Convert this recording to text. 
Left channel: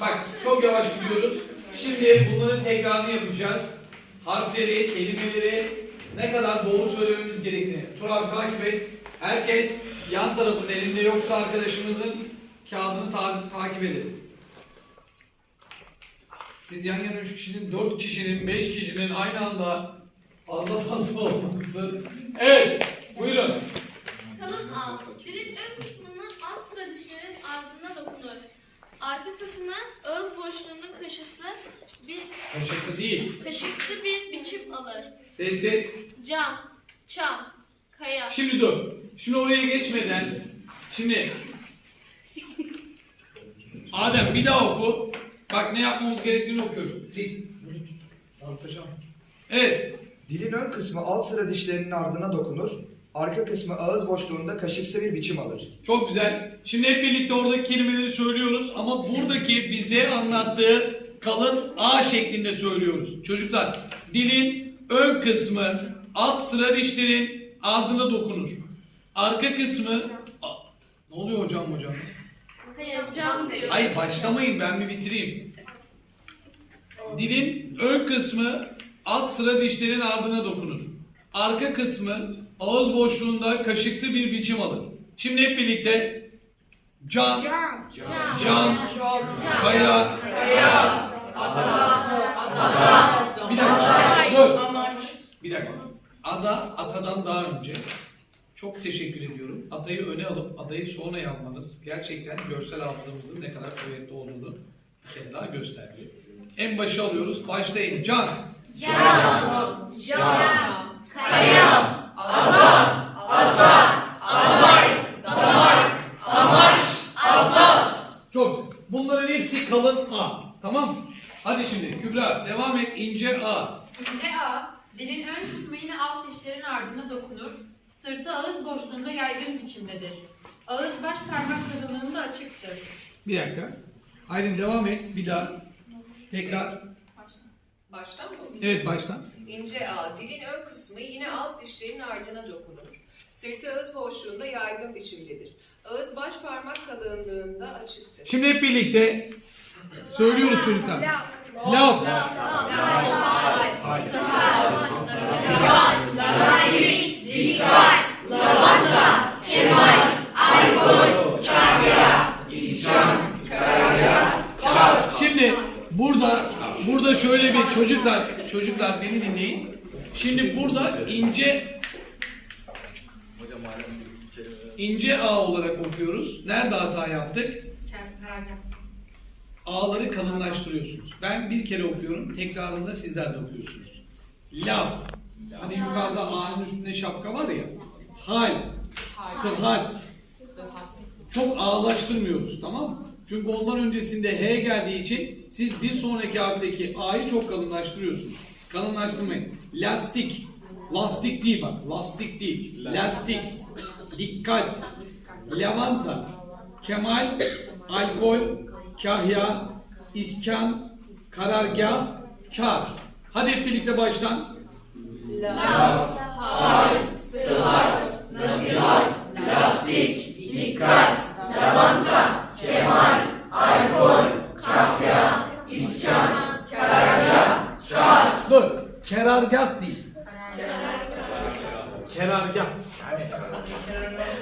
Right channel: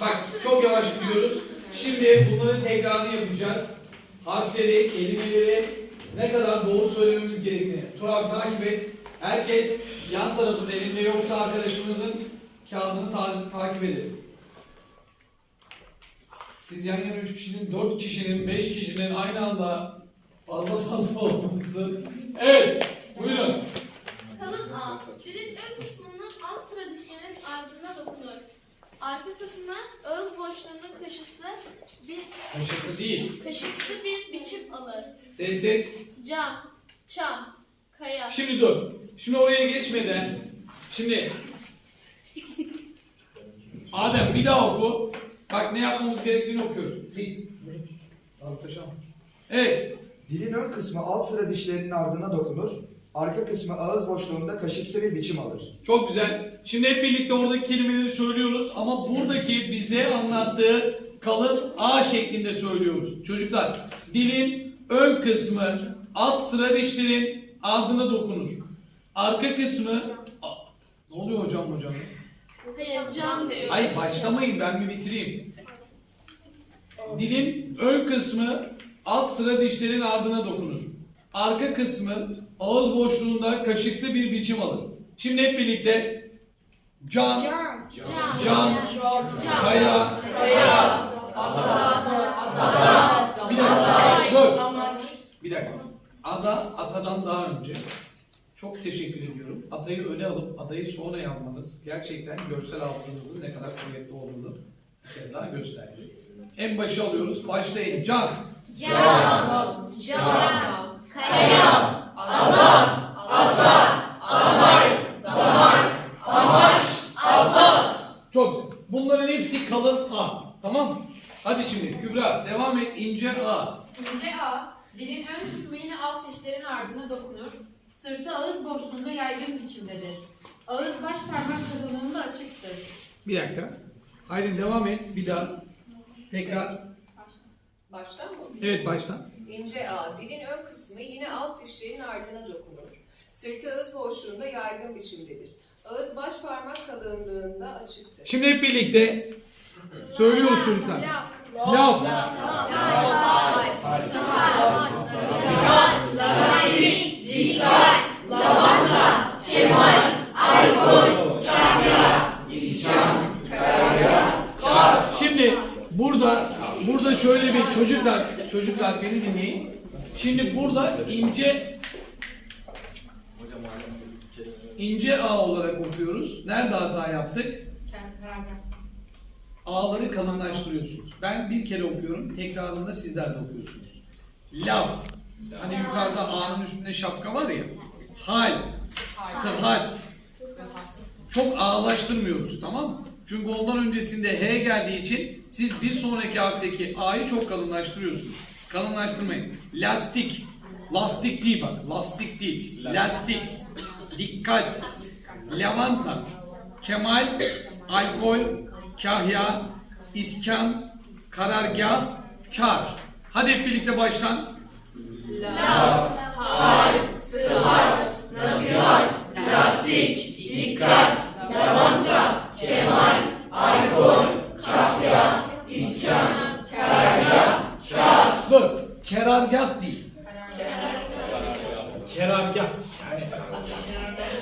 Bak çok yavaş gidiyoruz. Şimdi bunların tekrarını yapacağız. Harfleri, kelimeleri ne kadar doğru söylememiz gerektiğini. Tur takip et. Herkes yan tarafında elinde yoksa arkadaşımızın kağıdını ta- takip edin. Siz yan yana 3 kişinin, 4 kişinin, 5 kişinin aynı anda fazla fazla olması. Evet, buyurun. Kalın A. Dilin ön kısmının alt sıra dişlerin ardına dokunur. Arka kısmı ağız boşluğunun kaşısı bir Kaşısı değil. kaşıksı bir biçim alır. Ses ses. Cam, çam, kaya. Şimdi dur. Şimdi oraya geçmeden şimdi Adem bir daha oku. Bak ne yapmamız gerektiğini okuyoruz. Sil. Evet. Dilin ön kısmı alt sıra dişlerinin ardına dokunur. Arka kısmı ağız boşluğunda kaşıksı bir biçim alır. Çok güzel. Şimdi hep birlikte oradaki kelimeleri söylüyoruz ama buradaki bize anlattığı kalın A şeklinde söylüyoruz. Çocuklar, dilin ön kısmı alt sıra dişlerin ardına dokunur. Arka kısmı A- ne oluyor hocam hocam? Hayır, cam diyor. Hayır başlamayın ben bir bitireyim. Dilin ön kısmı alt sıra dişlerin ardına dokunur. Arka kısmı ağız boşluğunda kaşıksı bir biçim alır. Şimdi hep birlikte cam, cam, kaya, bir dakika, dur. Bir dakika. Ada atadan daha önce. Çok teşekkür ediyorum. Adayı öne alıp adayı sonra yapmanız gerçekten görsel hafızamızın ne kadar kuvvetli olduğunu bir kere daha gösterdi. En başa alıyoruz. Başlayın. Can. Çok güzel. Bunların hepsi kalın A. Tamam mı? Hadi şimdi Kübra devam et. ince A. İnce A, dilin ön kısmı yine alt dişlerin ardına dokunur. Sırtı ağız boşluğunda yaygın biçimdedir. Ağız baş parmak kalınlığında açıktır. Bir dakika. Aydın devam et. Bir daha. Tekrar. Baştan mı? Evet baştan. İnce A, dilin ön kısmı yine alt dişlerin ardına dokunur. Sırtı ağız boşluğunda yaygın biçimdedir. Ağız baş parmak kalınlığında açıktır. Şimdi hep birlikte söylüyoruz çocuklar. Laf. Şimdi burada burada şöyle bir çocuklar çocuklar beni dinleyin. Şimdi burada ince ince A olarak okuyoruz. Nerede hata yaptık? A'ları kalınlaştırıyorsunuz. Ben bir kere okuyorum, tekrarında sizler de okuyorsunuz. Laf. Hani yukarıda A'nın üstünde şapka var ya. Hal. Sıhhat. Çok ağlaştırmıyoruz tamam mı? Çünkü ondan öncesinde H geldiği için siz bir sonraki harfteki A'yı çok kalınlaştırıyorsunuz. Kalınlaştırmayın. Lastik. Lastik değil bak. Lastik değil. Lastik. Dikkat. Lavanta. Kemal. Alkol. Kahya. iskan, Karargah. Kar. Hadi hep birlikte baştan. Dur. Thank you.